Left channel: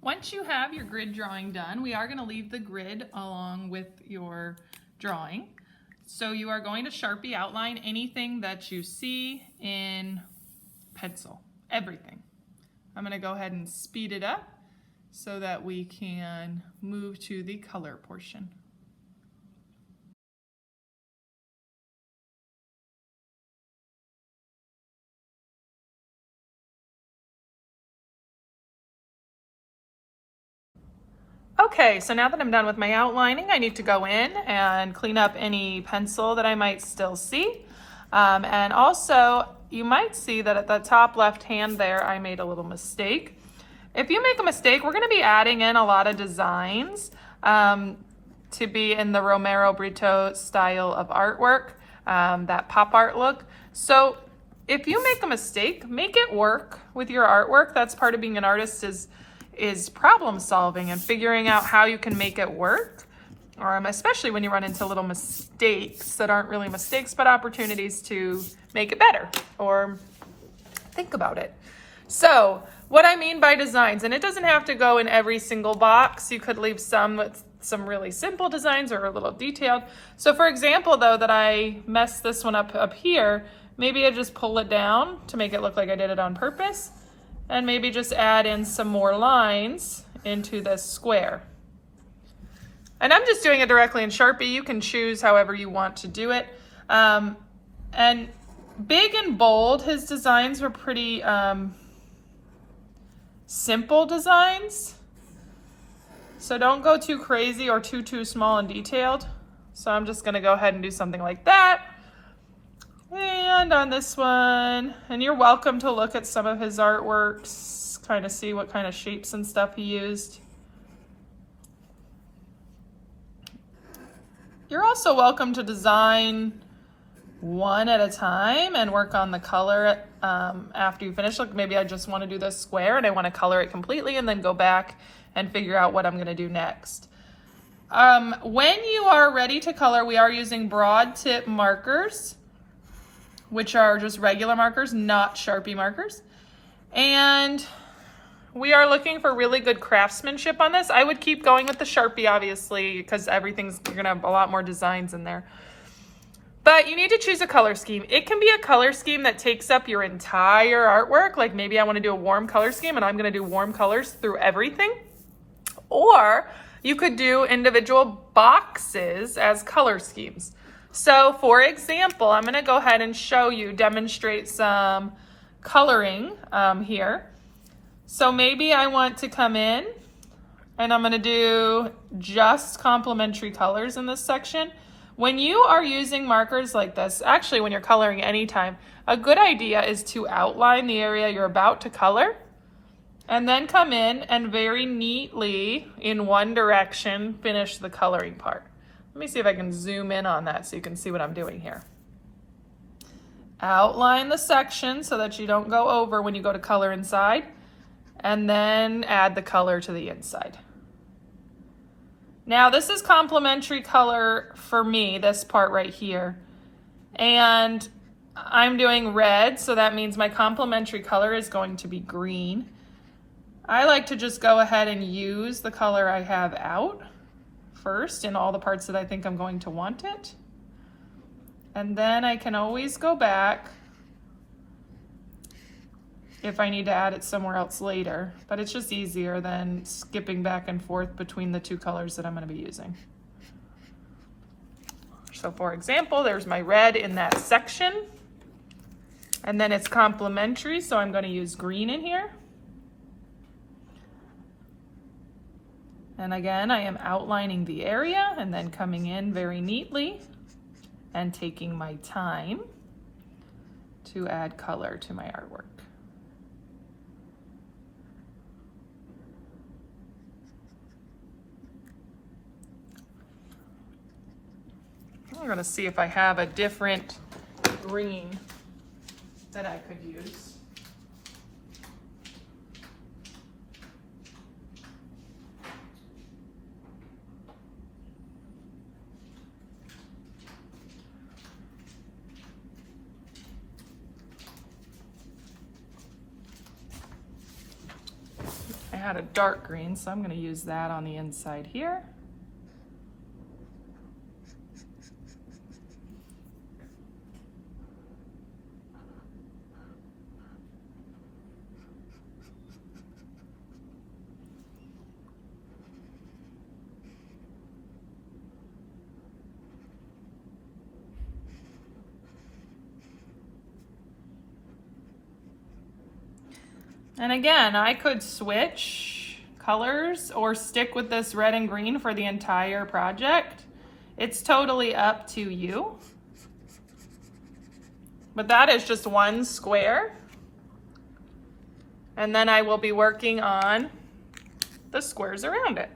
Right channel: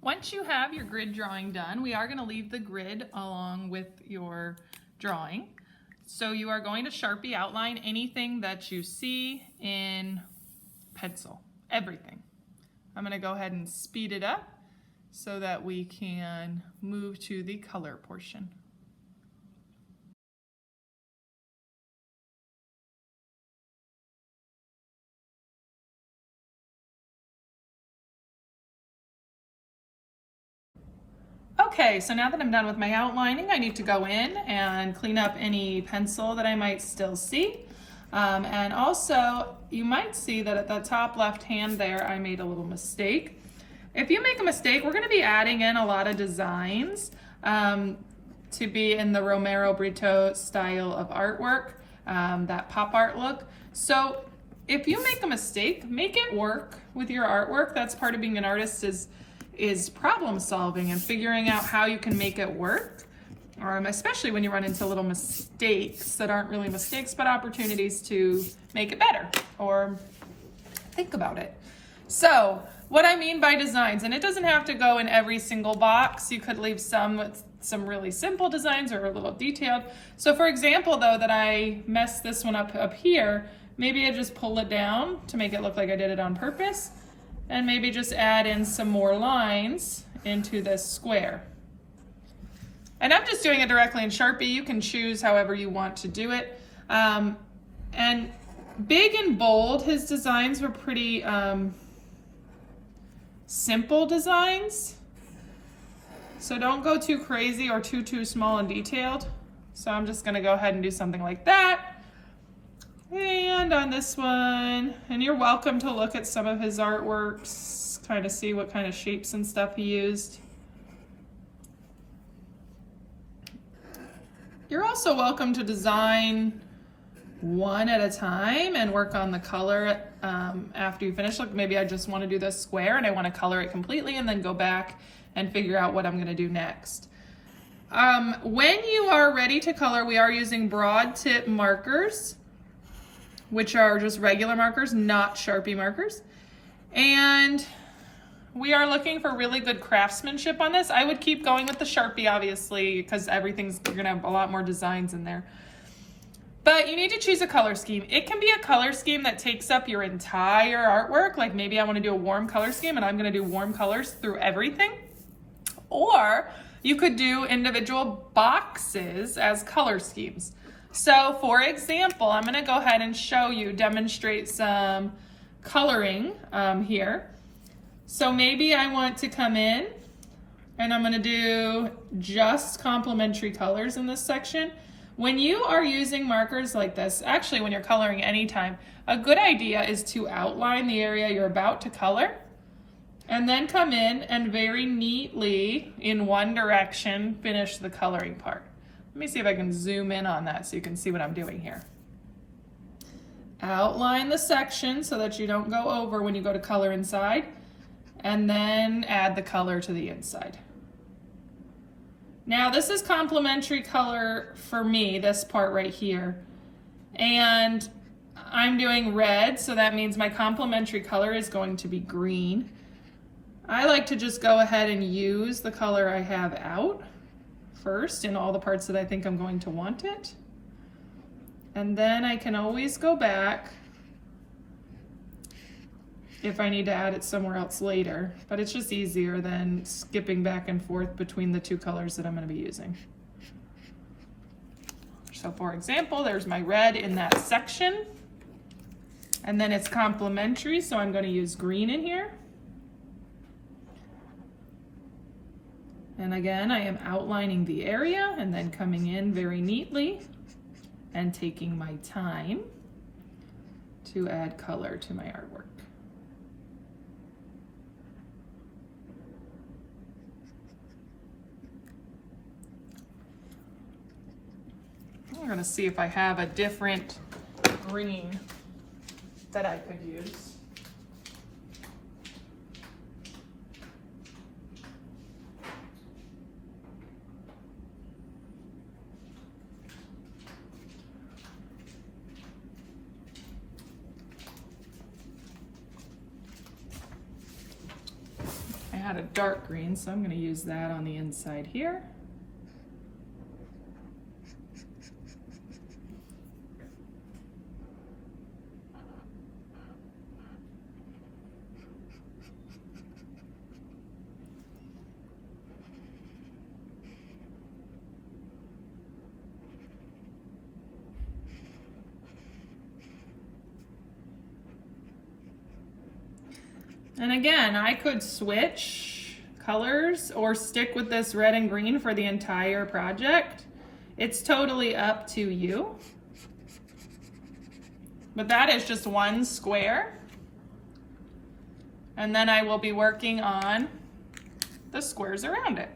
Once you have your grid drawing done, we are going to leave the grid along with your drawing. So you are going to Sharpie outline anything that you see in pencil, everything. I'm going to go ahead and speed it up so that we can move to the color portion. Okay, so now that I'm done with my outlining, I need to go in and clean up any pencil that I might still see. And also, you might see that at the top left hand there, I made a little mistake. If you make a mistake, we're gonna be adding in a lot of designs to be in the Romero Britto style of artwork, that pop art look. So if you make a mistake, make it work with your artwork. That's part of being an artist, is problem solving and figuring out how you can make it work, especially when you run into little mistakes that aren't really mistakes, but opportunities to make it better or think about it. So what I mean by designs, and it doesn't have to go in every single box. You could leave some with some really simple designs or a little detailed. So for example, though, that I messed this one up here, maybe I just pull it down to make it look like I did it on purpose. And maybe just add in some more lines into this square. And I'm just doing it directly in Sharpie. You can choose however you want to do it. And big and bold, his designs were pretty simple designs. So don't go too crazy or too small and detailed. So I'm just gonna go ahead and do something like that. And on this one, and you're welcome to look at some of his artworks, kind of see what kind of shapes and stuff he used. You're also welcome to design one at a time and work on the color after you finish. Look, maybe I just want to do this square and I want to color it completely and then go back and figure out what I'm going to do next. When you are ready to color, we are using broad tip markers, which are just regular markers, not Sharpie markers. And we are looking for really good craftsmanship on this. I would keep going with the Sharpie, obviously, because you're gonna have a lot more designs in there. But you need to choose a color scheme. It can be a color scheme that takes up your entire artwork. Like maybe I wanna do a warm color scheme and I'm gonna do warm colors through everything. Or you could do individual boxes as color schemes. So for example, I'm gonna go ahead and demonstrate some coloring here. So maybe I want to come in and I'm gonna do just complementary colors in this section. When you are using markers like this, actually when you're coloring anytime, a good idea is to outline the area you're about to color and then come in and very neatly in one direction finish the coloring part. Let me see if I can zoom in on that so you can see what I'm doing here. Outline the section so that you don't go over when you go to color inside, and then add the color to the inside. Now this is complementary color for me, this part right here. And I'm doing red, so that means my complementary color is going to be green. I like to just go ahead and use the color I have out first in all the parts that I think I'm going to want it. And then I can always go back if I need to add it somewhere else later, but it's just easier than skipping back and forth between the two colors that I'm going to be using. So for example, there's my red in that section, and then it's complementary, so I'm going to use green in here. And again, I am outlining the area and then coming in very neatly and taking my time to add color to my artwork. I'm gonna see if I have a different green that I could use. had a dark green, so I'm going to use that on the inside here. And again, I could switch colors or stick with this red and green for the entire project. It's totally up to you. But that is just one square. And then I will be working on the squares around it.